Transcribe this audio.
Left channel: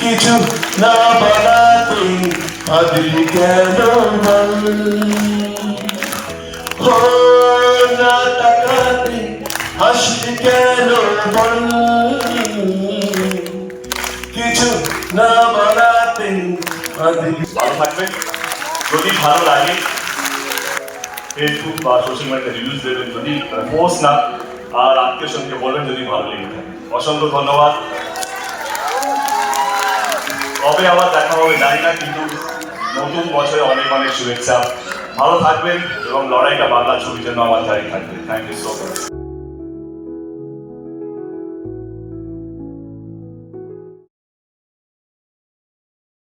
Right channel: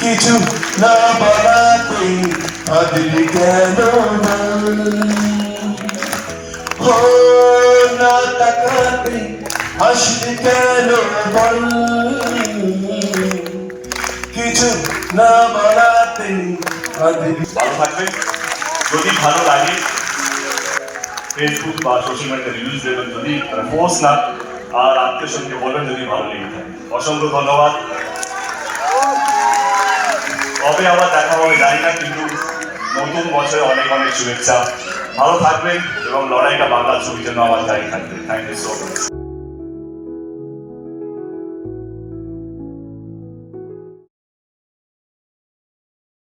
কিছু না বানাতে আদিলি কেন ও না তাকাতে হাসতে কেন বল কিছু না বানাতে আদিলি। ভালো থাকবে। যদি ভালো লাগে ফেসবুক বা সোশ্যাল মিডিয়া রিভিউজ দেবেন, যদি পোস্ট না আর আত্মীয় সঙ্গে বলবেন যদি ভালো লেগে থাকে। অসংখ্য ধন্যবাদ। কবে আবার দেখা হবে জানি না, কিন্তু নতুন বছরে অনেক অনেক শুভেচ্ছা। ভালো থাকবেন এবং লড়াইটা বাংলা ছবির জন্য আমার জারি থাকবে। Thank you so much.